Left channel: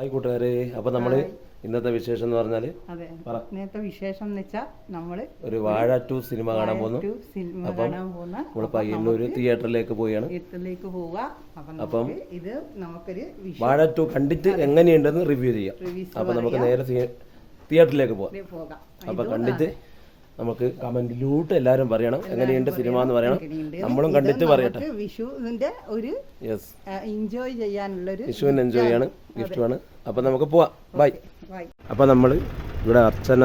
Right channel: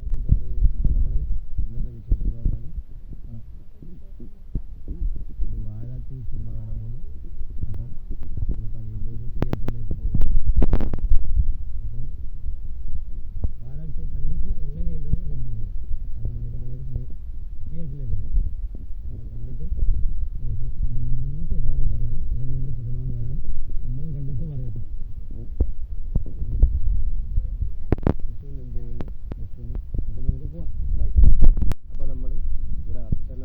Hi കൂട്ടുകാരെ, അപ്പോൾ നമ്മൾ ഇന്നത്തെ വിശേഷം എന്ന് പറഞ്ഞാൽ ഇന്നത്തെ വിശേഷം എന്ന് വെച്ചാൽ നമ്മൾ ഒരു വാഴ 2 സിനിമ കാണാൻ പോകുന്നു. അപ്പം നമ്മൾ പയ്യന്നൂർ തിയേറ്ററിലേക്ക് പോവുകയാണ്. അപ്പം ഇത് നമുക്കൊരു വാഴ 2 കണ്ടിട്ട് എങ്ങനെയുണ്ടെന്ന് റിവ്യൂ ചെയ്യാം. അപ്പം നമുക്ക് നേരെ തിയേറ്ററിലേക്ക് പോകാം. അപ്പം കണ്ടിട്ട് നമുക്ക് കമന്റിലൂട്ട് എല്ലാവരും പറയണം എങ്ങനെയുണ്ട് സിനിമ എന്ന് പറയണം. നമ്മളും കണ്ടിട്ട് പറയട്ടെ. വിഷുവിന്റെ ഒരു എൻജോയ് ചെയ്യാനുള്ളൊരു വിഷുവിന് എൻജോയ് ചെയ്യാണ്, ഗിഫ്റ്റുമാണ്. അപ്പം നമുക്ക് പോവാം. ബൈ. അപ്പം നമ്മൾ ഇവിടെ അർച്ചന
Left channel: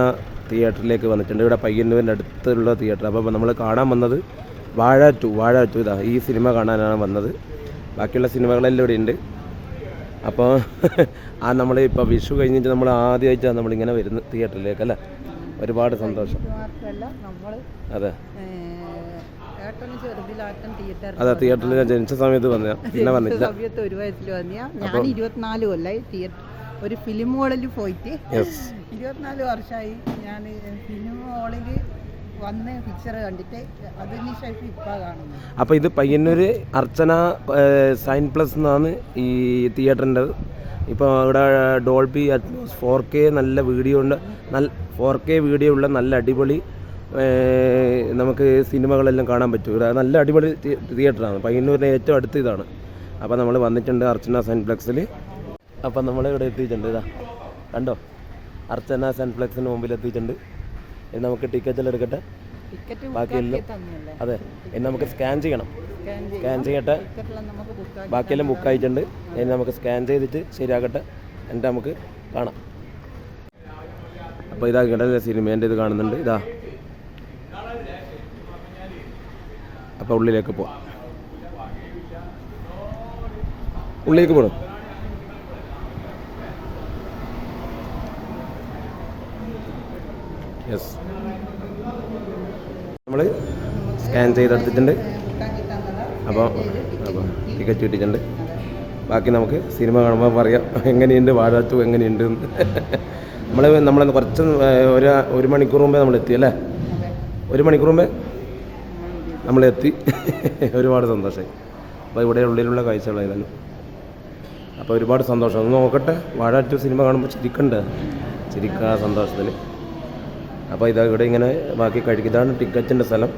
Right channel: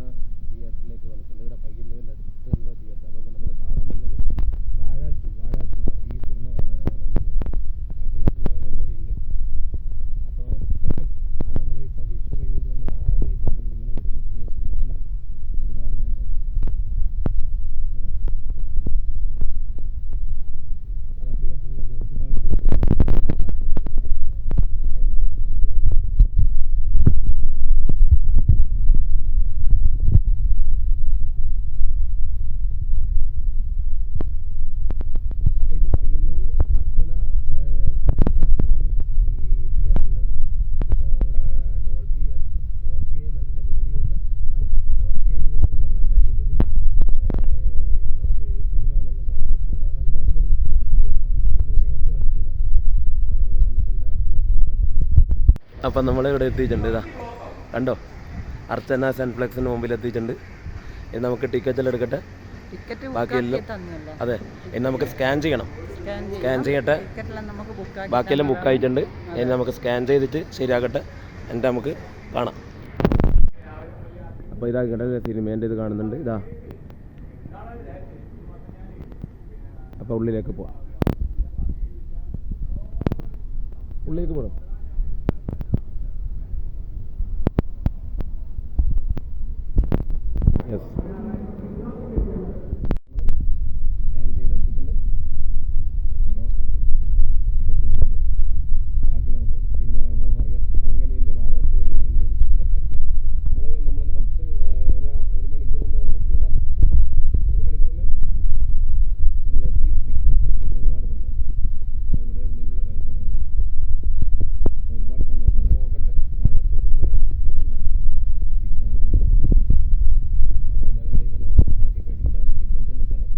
തിയേറ്ററിലേക്ക് വന്നിട്ടുണ്ട്. ഇവിടെ പയ്യന്നൂരിൻ്റെ അടുത്തുള്ള തിയേറ്റർ. അപ്പോൾ നമ്മൾ കാണാൻ വന്നത് വാഴ 2 ഇതാ ഈ സിനിമ കാണാനാണ് വന്നത്. ബാക്കിയുള്ള സിനിമകളെല്ലാം ഇവിടെ ഉണ്ട്. അപ്പോൾ നമ്മൾ ഇപ്പോൾ വിഷു കഴിഞ്ഞിട്ട് നമ്മൾ ആദ്യമായിട്ടാണ് നമ്മളിങ്ങനെ വരുന്നത് തിയേറ്ററിലേക്ക് അല്ലേ. ഒരുപാട് സന്തോഷം. അതെ അതെ, തിയേറ്ററിൽ ഞാൻ ജനിച്ച സമയത്ത് പിന്നെ വന്നില്ല. ഒരു വയസ്സിൽ വന്നിയ ഞാൻ 24 കൊല്ലായി തിയേറ്റർ ഒരു ഫിലിം ഹോളിൽ പോയിട്ട് 24 വർഷമായി ഞാൻ ഫിലിം ഹോളിൽ വന്ന് പിക്ചർ കണ്ടിട്ട് അതിനുശേഷം ഇപ്പം കാണുന്നു. അപ്പോൾ ഇത് പയ്യന്നൂർ അർച്ചന സൈൻ പ്ലസ് എന്നാണ് ഈ തിയേറ്ററിൻ്റെ. ഇപ്പോൾ ഇവിടെ ഡോൾബി അറ്റ്മോസ് 4K നല്ല വീഡിയോ ഉണ്ട്. 4K വീഡിയോ ഉള്ള നല്ല അടിപൊളി നമുക്ക് സിനിമകളെല്ലാം കാണാൻ പറ്റും. ഇവിടെ നല്ല അടിപൊളി തിയേറ്ററാണ്. പയ്യന്നൂരിൻ്റെ ഏറ്റവും അടുത്ത് ഇതാണ്. അപ്പോൾ നമ്മൾ വന്നിട്ടുണ്ട് അർച്ചന സൈൻപ്ലക്സിൽ. അപ്പം നമ്മൾ ഇവിടെ എത്തിയിട്ടുണ്ട്. ഇതാ കണ്ടോ, അർച്ചന സൈൻപ്ലക്സിന് മുമ്പിൽ എത്തിയിട്ടുണ്ട്. ഇനി നമുക്ക് ടിക്കറ്റെല്ലാം എടുക്കട്ടെ. ബാക്കിയെല്ലാം അതെ, ഇനി നമുക്ക് സ്കാൻ ചെയ്യണം. സ്കാൻ ചെയ്യട്ടെ. ബാക്കിയെല്ലാം ബുക്കായിട്ടുണ്ട്. ഇനി നമുക്ക് സ്കാൻ ചെയ്തിട്ട് ശരിയാക്കട്ടെ, എന്നിട്ട് നമുക്ക് കാണാം. അപ്പോൾ ഇതാ കിടന്ന സിനിമേൻ്റെ ഇത് കാണുന്നുണ്ട്. ഇതാ അപ്പോൾ ഉള്ളിലേക്ക് പോവാം. ഉള്ളിലേക്ക് പോകണം. യെസ്, നമ്മൾ സ്കാൻ ചെയ്തെടുത്തിട്ടുണ്ട്. അപ്പോൾ ടിക്കറ്റ് കിട്ടിയിട്ടുണ്ട്. ബാക്കി നമുക്ക് സിനിമ കാണുമ്പോൾ പറയാം എങ്ങനെയുണ്ട് വാഴ 2 എങ്ങനെയുണ്ട്. നമ്മൾ കുറച്ച് ഒരു മണിക്കൂർ മുമ്പേ നമ്മൾ എത്തി അല്ലേ. 1 മണിക്കൂർ മുമ്പേ നമ്മൾ എത്തി. ഒരുപാട് സന്തോഷമായി. അപ്പോൾ ഇവിടെ ഉള്ളിലുള്ള കാഴ്ചകളായിരുന്നു. അപ്പോൾ ഒരുപാട് സന്തോഷം. ഒന്ന് നോക്കട്ടെ, വാഴ 2 സിനിമ കാണുമ്പോൾ ചിരിക്കുക സന്തോഷത്തിൽ. അപ്പോൾ ഇതാ ഇവിടെ ഇങ്ങനെ ബാക്കി കഴിക്കുന്നതാണ് ടിക്കറ്റിൻ്റെ സ്ഥലം.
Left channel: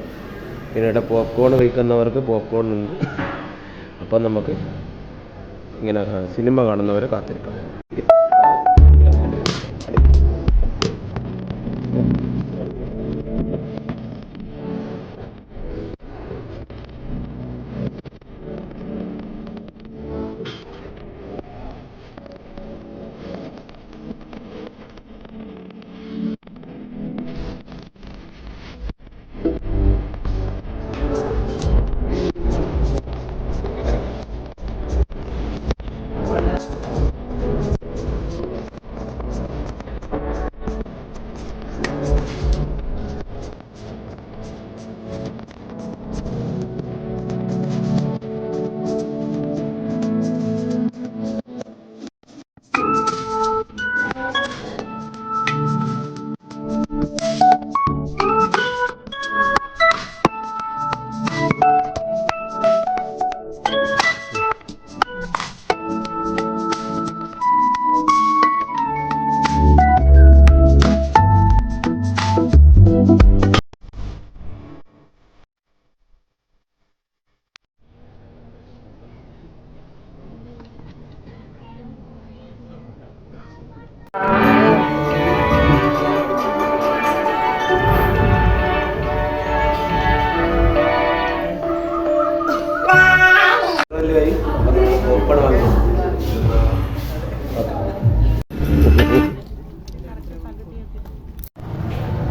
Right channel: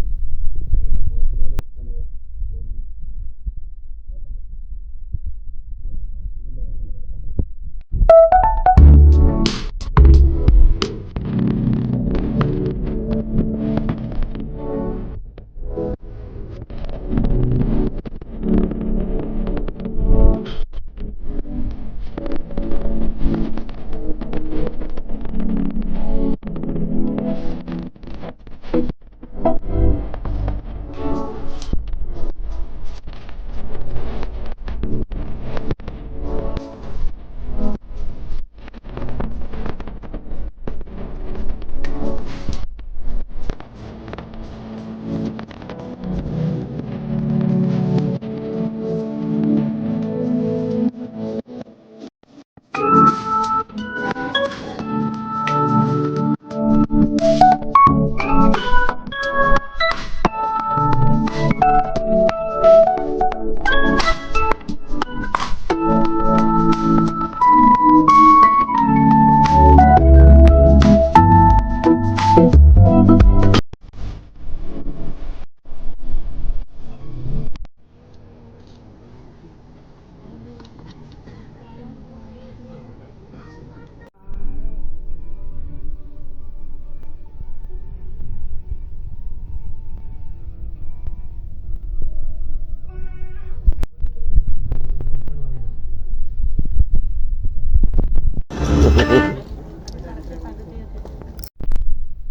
പിന്നെ ഇവിടെ പോപ്കോൺ കഴിക്കുന്നവർക്ക് പോപ്കോൺ ഉണ്ട്. അപ്പം നമുക്ക് ഇങ്ങനെ സിനിമ കാണുന്നവരെ കാത്തിരിക്കാം.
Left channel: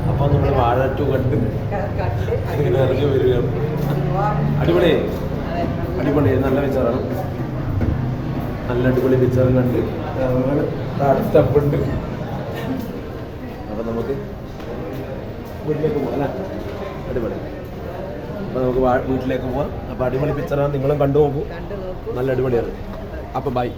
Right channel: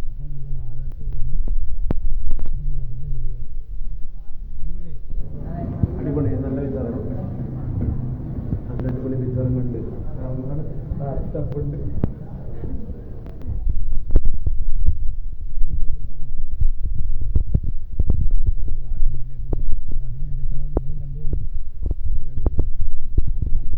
അപ്പോൾ നമ്മൾ വാഴ 2 കണ്ട് ഇങ്ങനെ ഇറങ്ങി വരികയാണ്. അടിപൊളി നല്ല പിക്ചറാണ്. നല്ല അടിപൊളി പിക്ചറും കണ്ട് താഴെ സ്റ്റെപ്പുണ്ട്. അപ്പോൾ നമുക്ക് വീട്ടിലേക്ക് പോകാം അല്ലേ. അടിപൊളി. അപ്പോൾ നമുക്ക് വീട്ടിലേക്ക് പോവാം. അപ്പോൾ അടിപൊളി പിക്ചറാണ്. നിങ്ങളും കണ്ടു നോക്കൂ, നല്ല അടിപൊളിയാണ്. അപ്പോൾ ബൈ.